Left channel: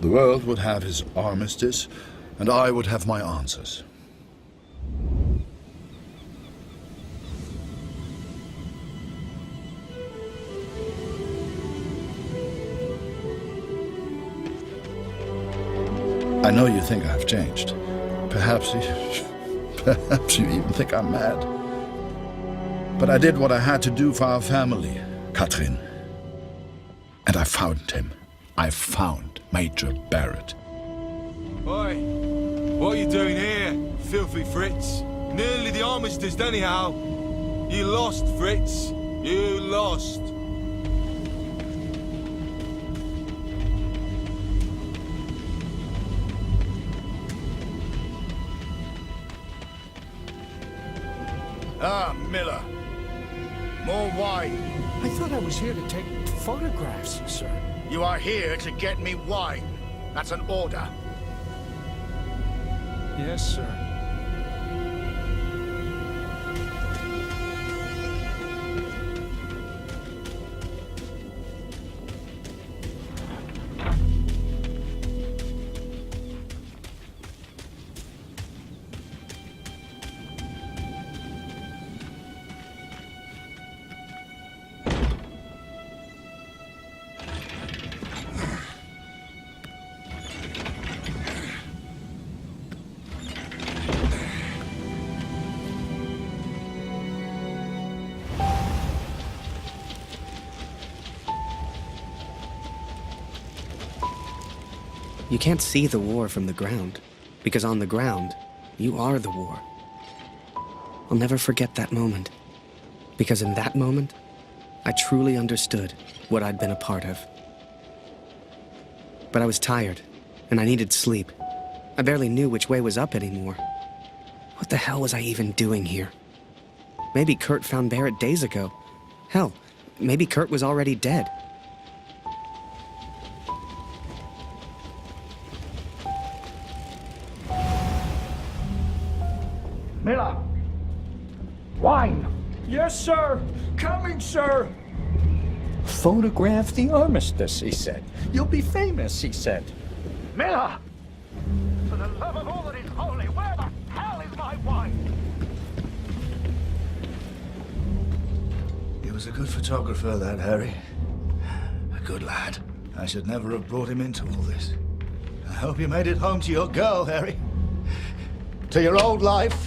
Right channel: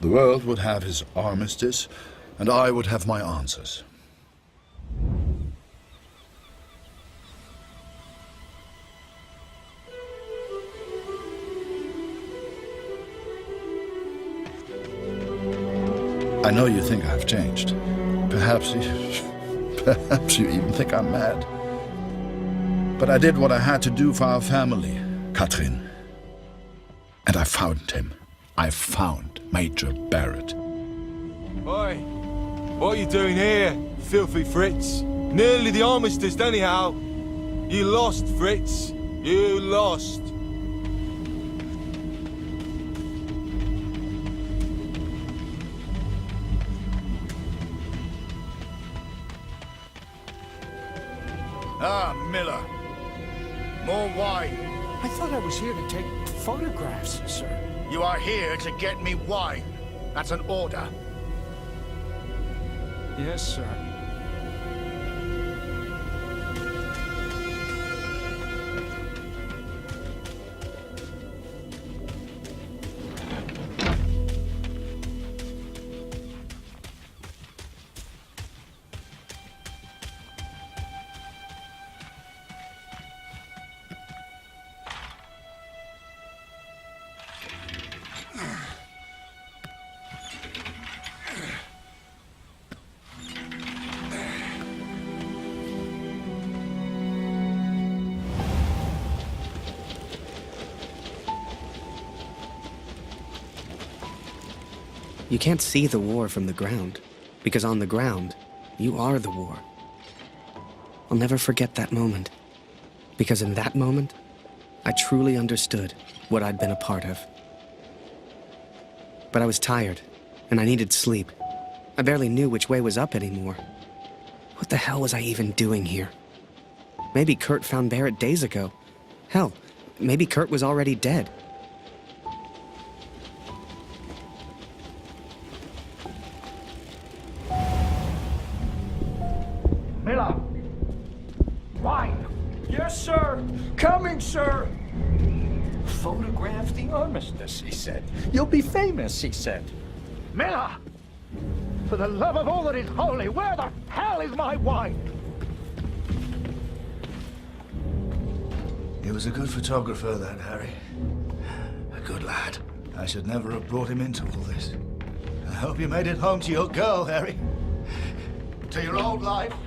The world would have his armistice, and I would have my answers. I know you think I've changed. Perhaps you even think I'm mad. But I did what I had to do for our family, Katrin. And I found him. I found Major Barrett. Oi, what are you doing here, filthy Fritz? Nearly the armistice anyhow. You lost, Fritz. You lost. Ah, Miller. More wine. I thought I was here to take photographs, sir. You are here to get me wine. That's an order. Yes, sir. You can't see the war from the ground, because on the ground, you are the war. I'll never forget that moment, because in that moment, I truly understood what I'd been a part of. But I was tired, and I needed sleep. I barely knew which way was up anymore. What the hell was I even doing here? Maybe Kurt found Barrett days ago. Hell, maybe Kurt was already dead. Miller! Wine! Yes, sir! Coming, sir! Photograph the armistice, he said. You'll be famous, he said. Miller! For the love of all that is holy, where the hell is my wine? He was a good photographer, that Harry. A good lad. I should never have brought him into all this. I hope you made it home to your girl, Harry. To your old life.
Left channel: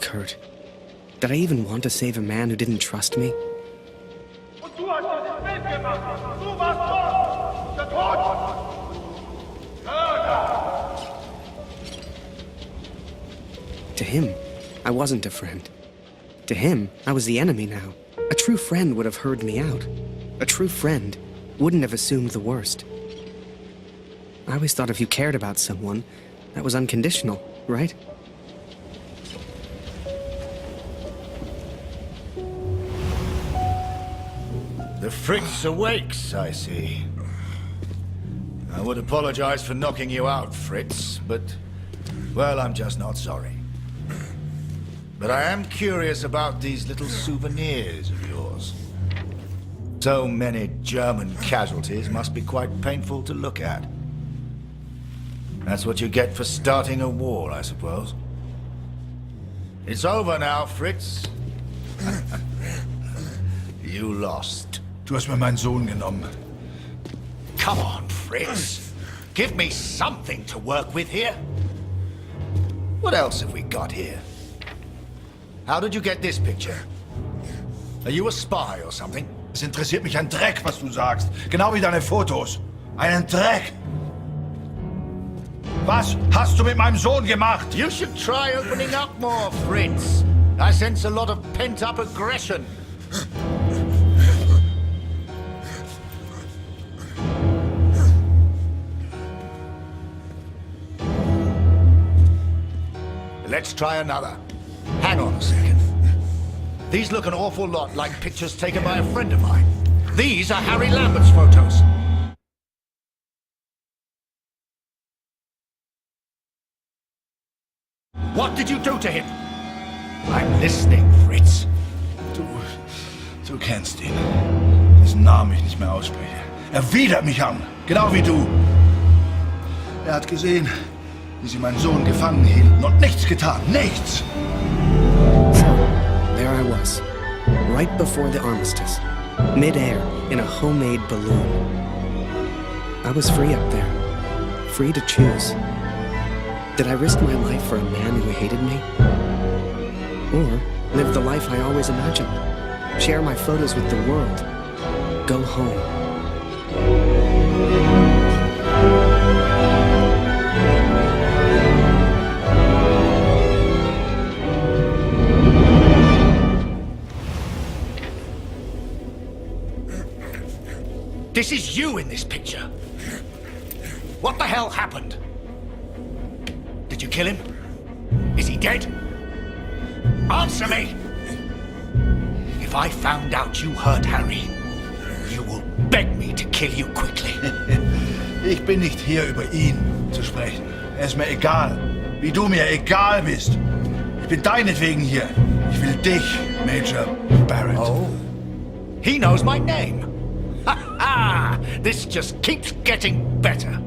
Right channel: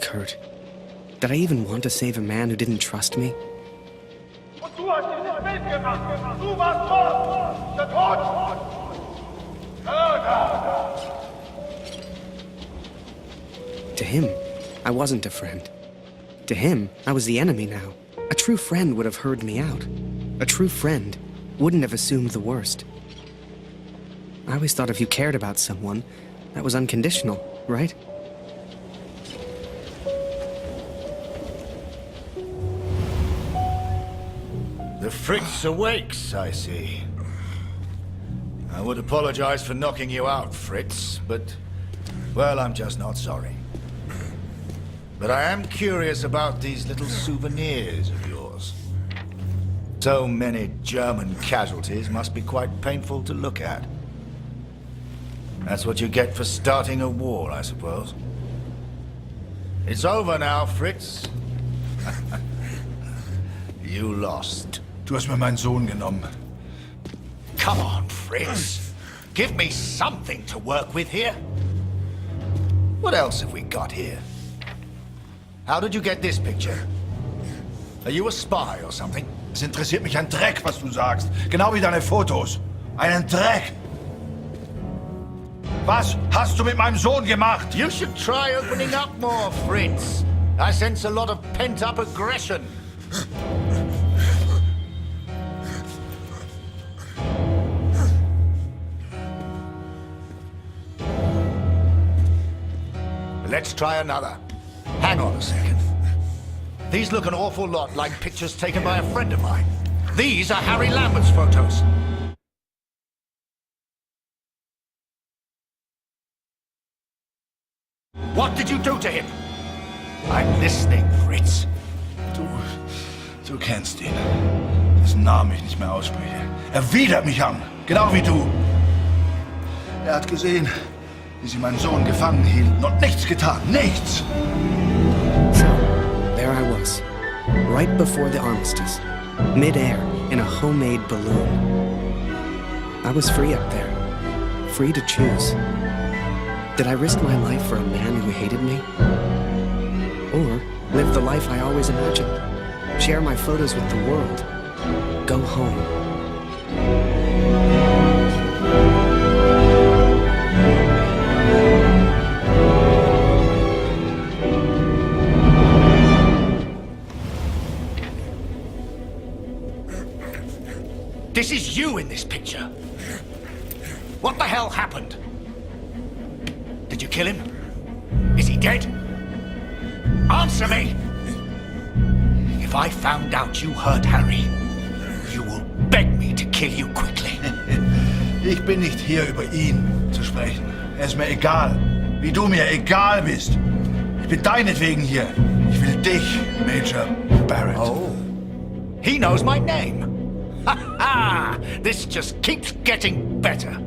Kurt. Did I even want to save a man who didn't trust me? Und du hast dieses Bild gemacht! Du warst dort! Der Tod! Mörder! To him, I wasn't a friend. To him, I was the enemy now. A true friend would have heard me out. A true friend wouldn't have assumed the worst. I always thought if you cared about someone, that was unconditional, right? The Fritz awakes, I see. I would apologize for knocking you out, Fritz, but, well, I'm just not sorry. But I am curious about these little souvenirs of yours. So many German casualties must be quite painful to look at. That's what you get for starting a war, I suppose. It's over now, Fritz. You lost. Du hast mir meinen Sohn genommen. Come on, Fritz. Give me something to work with here. What else have we got here? How did you get this picture? Are you a spy or something? Es interessiert mich ein Dreck, was du sagst. Genau wie deine Fotos. Einen Dreck. Was hast du mit meinem Sohn gemacht? You should try opening up more, Fritz. I sense a lot of pent-up aggression. Let's try another. Hang on a second. These look an awful lot like pictures taken by a friend of mine. These are Harry Lambert's photos. What did you do to him? I'm listening, Fritz. Du kennst ihn. Dessen Namen ich nicht mehr ausspreche. Er widert mich an, genau wie du. Er hat gesehen, wie sie meinen Sohn gefangen hielten und nichts getan. Nichts! So, there I was, right before the armistice, mid-air in a homemade balloon. I was free up there, free to choose. Did I risk my life for a man who hated me? Or live the life I always imagined? Share my photos with the world? Go home? This is you in this picture. What the hell happened? Did you kill him? Is he dead? Answer me! If I found out you hurt Harry, you will beg me to kill you quickly. Ich bin nicht hier, über ihn zu sprechen. Er ist mir egal, wie du mir egal bist. Ich bin deinetwegen hier. Ich will dich, Major Barrett. Oh, he knows my name. Ha ha! This just keeps getting better.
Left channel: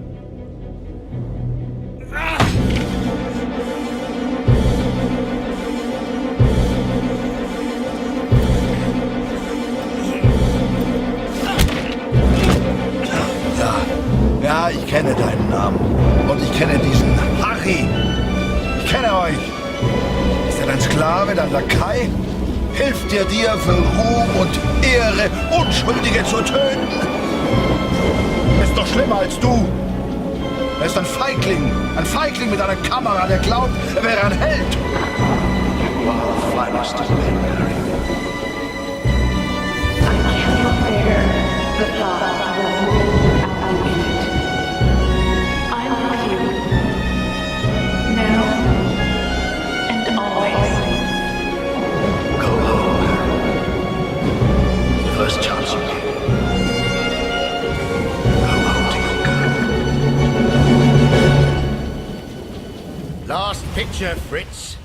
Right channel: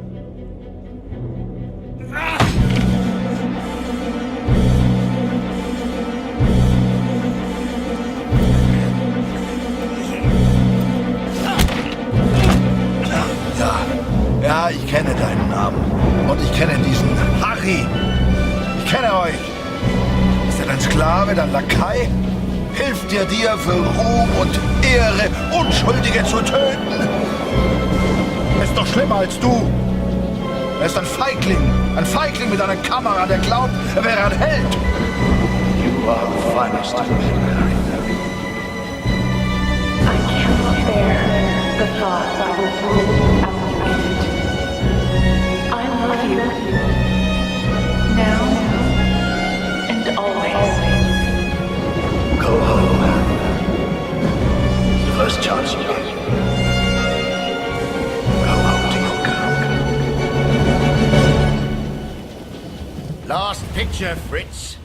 Ja, ich kenne deinen Namen. Und ich kenne diesen Harry. Ich kenne euch. Ist er dein Sklave, dein Lakai? Hilft er dir für Ruhm und Ehre, Unschuldige zu töten? Er ist doch schlimmer als du. Er ist ein Feigling mit einer Kamera, der glaubt, er wäre ein Held. You are the finest of men, Harry. I cannot bear the thought of a world without you in it. I love you. Now and always. Go home, Harry. The first chance you get. Go home to your girl. Last picture, Fritz.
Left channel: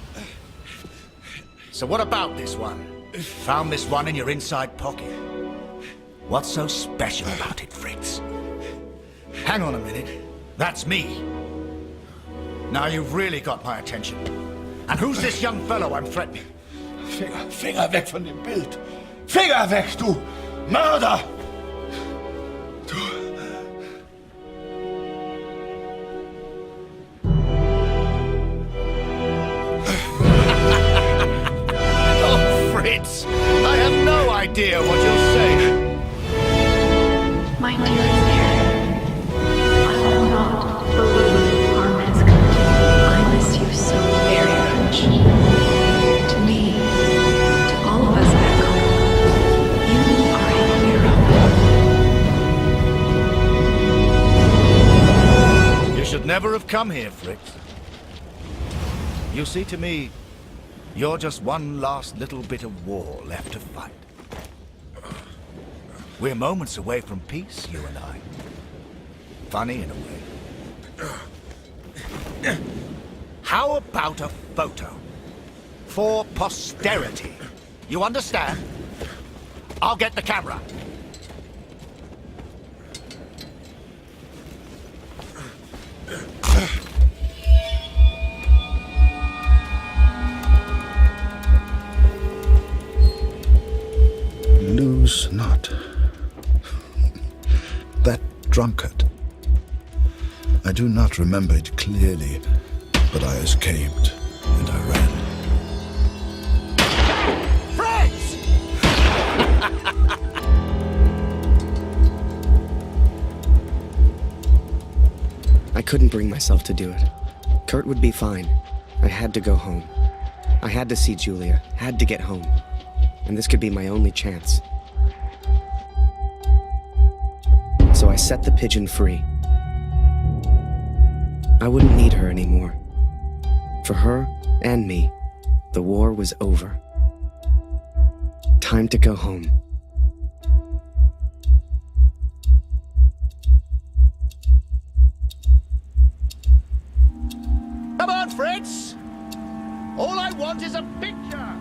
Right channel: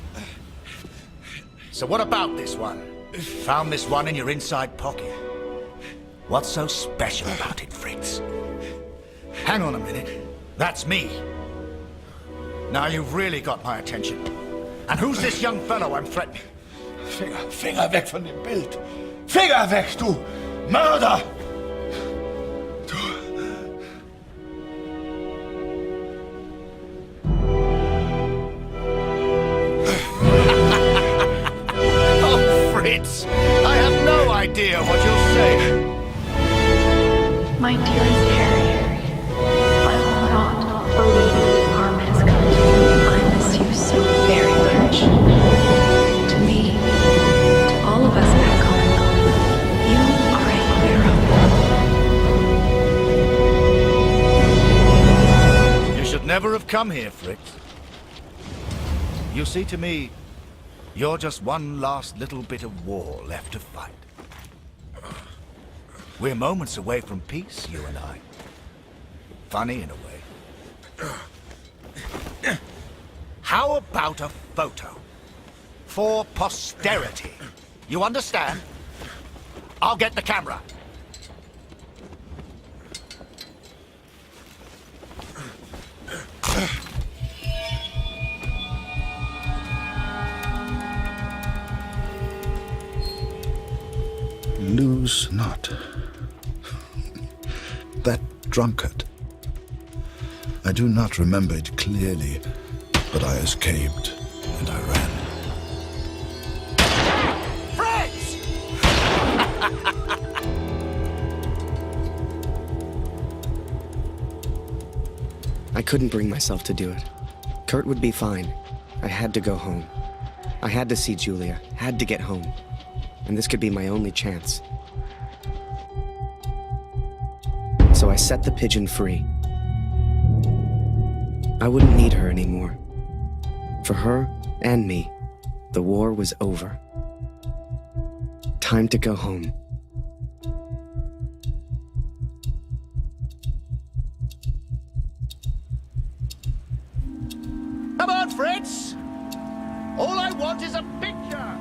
So what about this one? Found this one in your inside pocket. What's so special about it, Fritz? Hang on a minute. That's me. Now you've really got my attention. And who's this young fellow I'm threatening? Finger weg von dem Bild. Finger weg, du Mörder! Du... Oh, Fritz, I have no idea what you'll say. My dearest Harry, I will not believe harm has come to you. I miss you so very much. To me, to all of us back home, you are a hero. You should never have come here, Fritz. You see, to me, you're just one last little bit of war left to fight. We're moments away from peace, you and I. Funny in a way. How about a photo? For posterity. You understand? I'll get the camera. Lose not. That drunkard. I do not remember it clearly, but I escaped and I ran. Fritz! I couldn't bring myself to do it. Kurt would be fine. I had to go home. I had to see Julia, had to get home. And this could be my only chance. So I set the pigeon free. I wouldn't need her anymore. For her and me, the war was over. Time to go home. Come on, Fritz! All I want is a picture!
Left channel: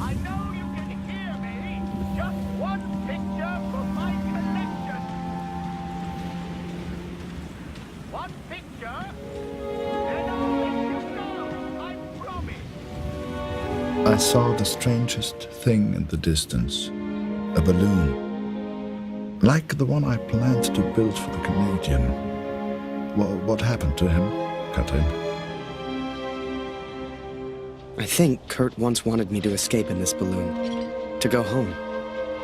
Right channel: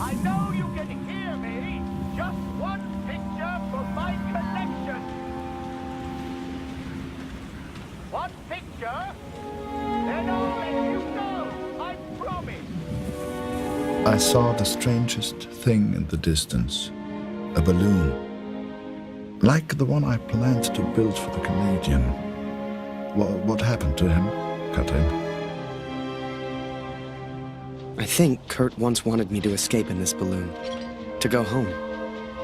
I know you can hear me! Just one picture for my collection! One picture, then I'll let you go! I promise! I saw the strangest thing in the distance. A balloon. Like the one I planned to build for the Canadian. What happened to him, Katrin? I think Kurt once wanted me to escape in this balloon. To go home.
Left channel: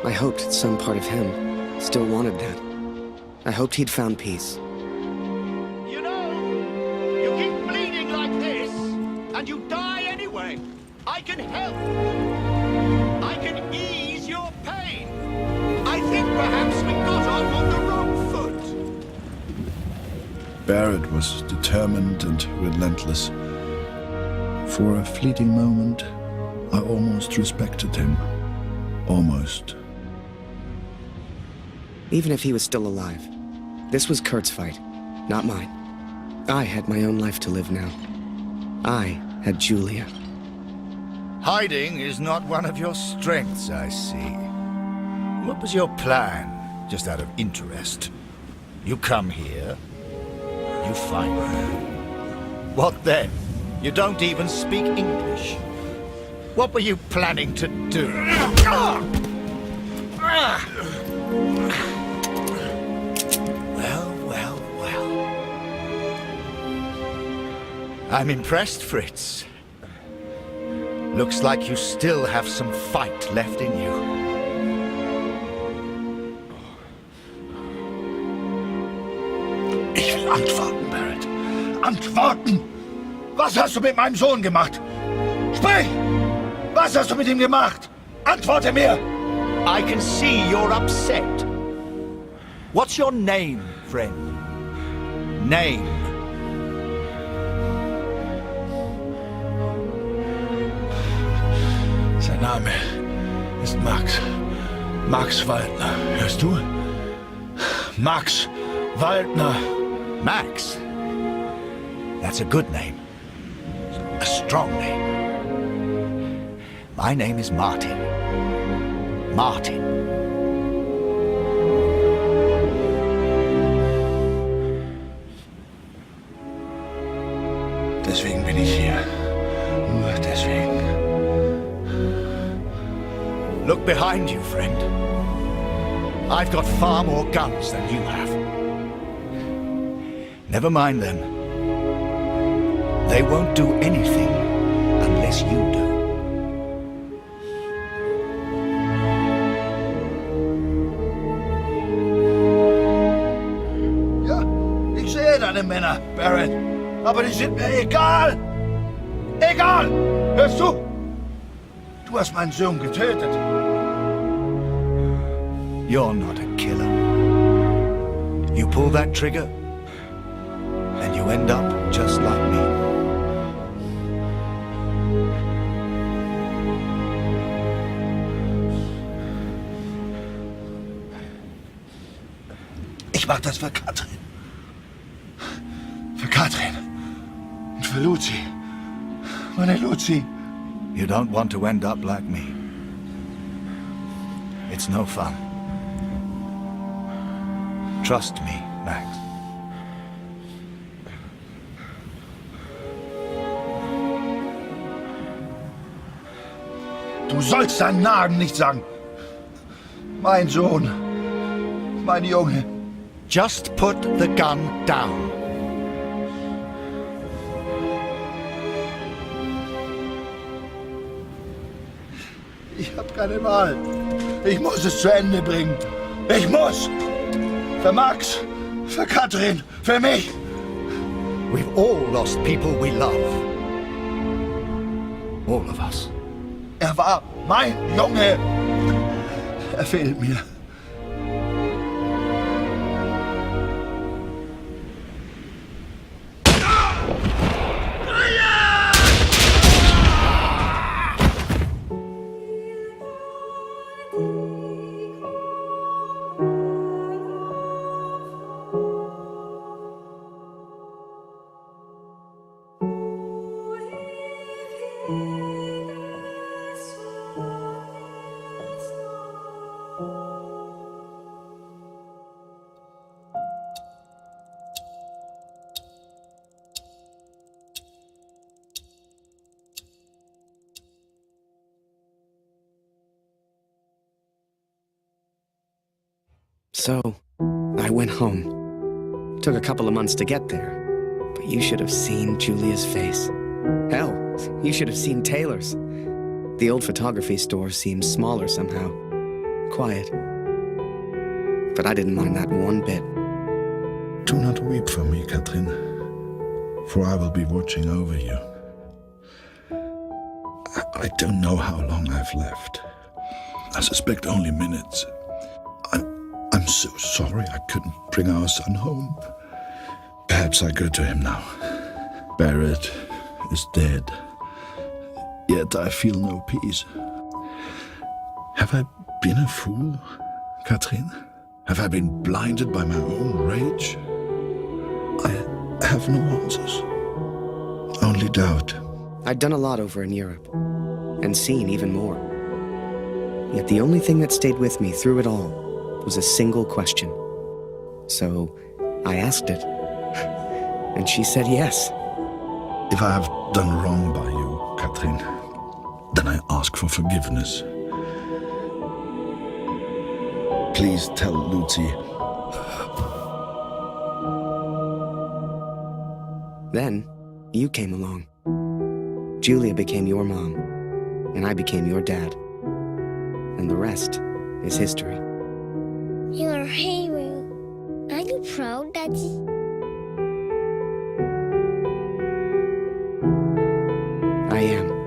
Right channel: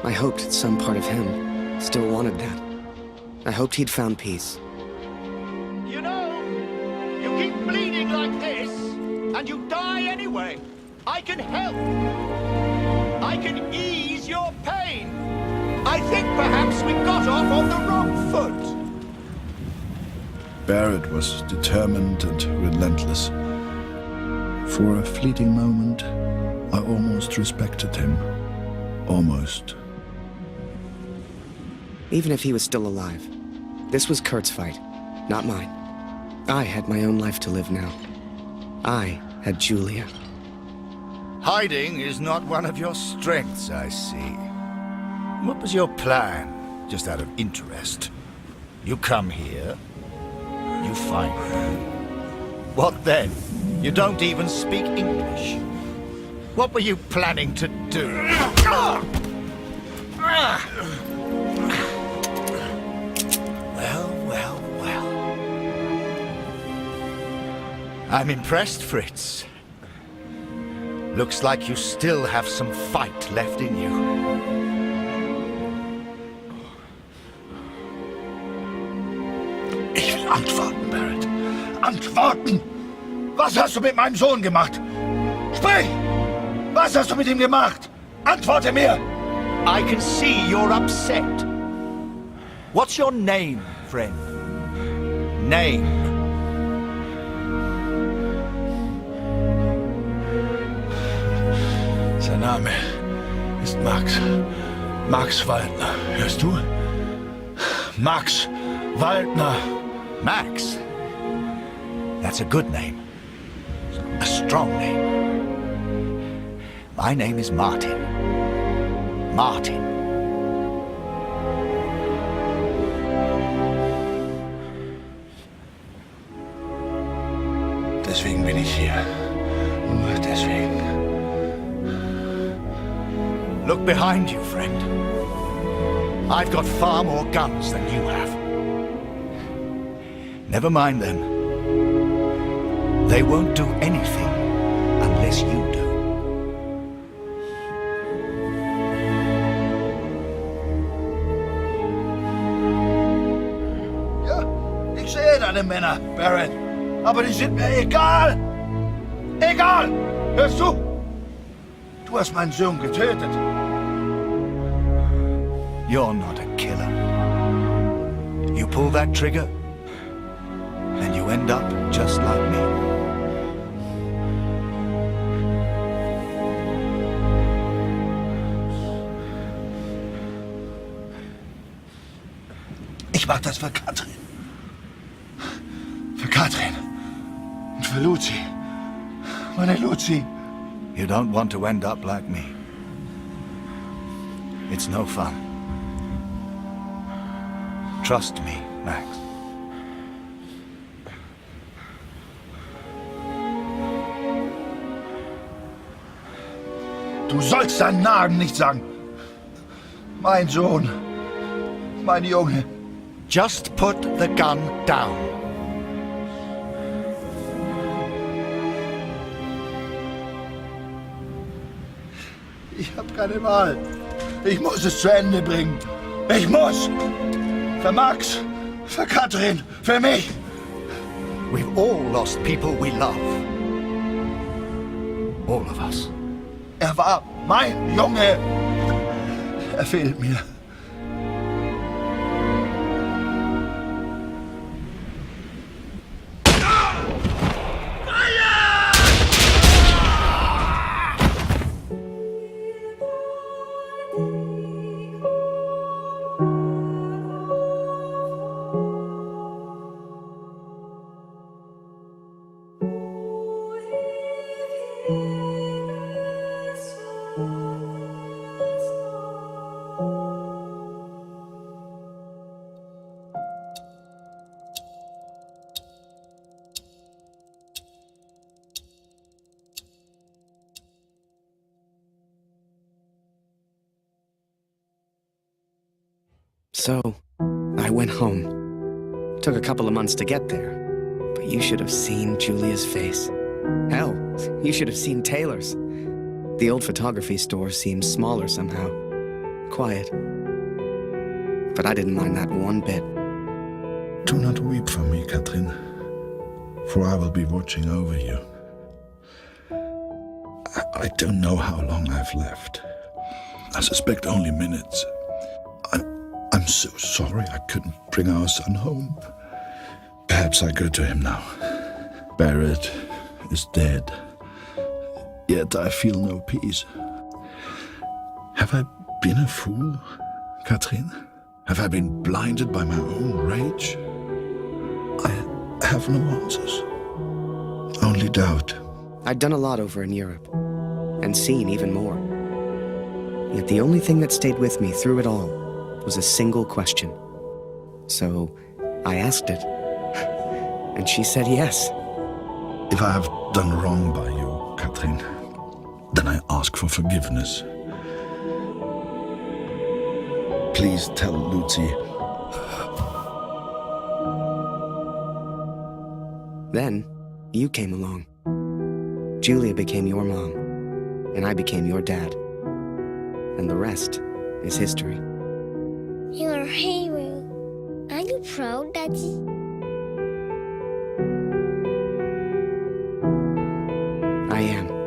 I hoped some part of him still wanted that. I hoped he'd found peace. You know, you keep bleeding like this, and you die anyway. I can help. I can ease your pain. I think perhaps we got off on the wrong foot. Barrett was determined and relentless. For a fleeting moment, I almost respected him. Almost. Even if he was still alive, this was Kurt's fight, not mine. I had my own life to live now. I had Julia. Hiding is not one of your strengths, I see. What was your plan, just out of interest? You come here, you find me. What then? You don't even speak English. What were you planning to do? Well. I'm impressed, Fritz. Looks like you still have some fight left in you. Ich will antworten, Barrett. Antworten! Was hast du mit meinem Sohn gemacht? Sprich! Was hast du mit ihm gemacht? Antworte mir! I can see you're upset. What's your name, friend? Name. Sein Name ist Max. Max Waldner. Hörst du? Max Waldner. Max? That's a good name. A strong name. My name is Martin. Martin. Deswegen bin ich hier. Nur deswegen. Look behind you, friend. I've got far more guns than you have. Never mind them. They won't do anything unless you do. Ja, ich sehe deine Männer, Barrett. Aber die sind mir egal. Egal! Hörst du? Du hast meinen Sohn getötet. You're not a killer. You pull that trigger, and you end up just like me. Ich mach das für Katrin. Für Katrin. Und für Lucy. Meine Lucy. You don't want to end up like me. It's no fun. Trust me, Max. Du sollst deinen Namen nicht sagen. Mein Sohn. Mein Junge. Just put the gun down. Ich habe keine Wahl. Ich muss es zu Ende bringen. Ich muss! Für Max, für Katrin, für mich. We've all lost people we love. All of us. Er war mein Junge. Er fehlt mir. So, I went home. Took a couple of months to get there. But you should have seen Julia's face. Hell, you should have seen Taylor's. The old photography store seemed smaller somehow. Quiet. But I didn't mind that one bit. Do not weep for me, Katrin, for I will be watching over you. I don't know how long I've left. I suspect only minutes. I'm so sorry I couldn't bring our son home. Perhaps I go to him now. Barrett is dead. Yet I feel no peace. Have I been a fool, Katrin? Have I been blinded by my own rage? I have no answers. Only doubt. I'd done a lot over in Europe, and seen even more. Yet the only thing that stayed with me through it all was a single question. So I asked it, and she said yes. If I have done wrong by you, Katrin, then I ask for forgiveness. Please tell Lucy. Then, you came along. Julia became your mom, and I became your dad. And the rest is history. You're a hero. Are you proud, Daddy? I am.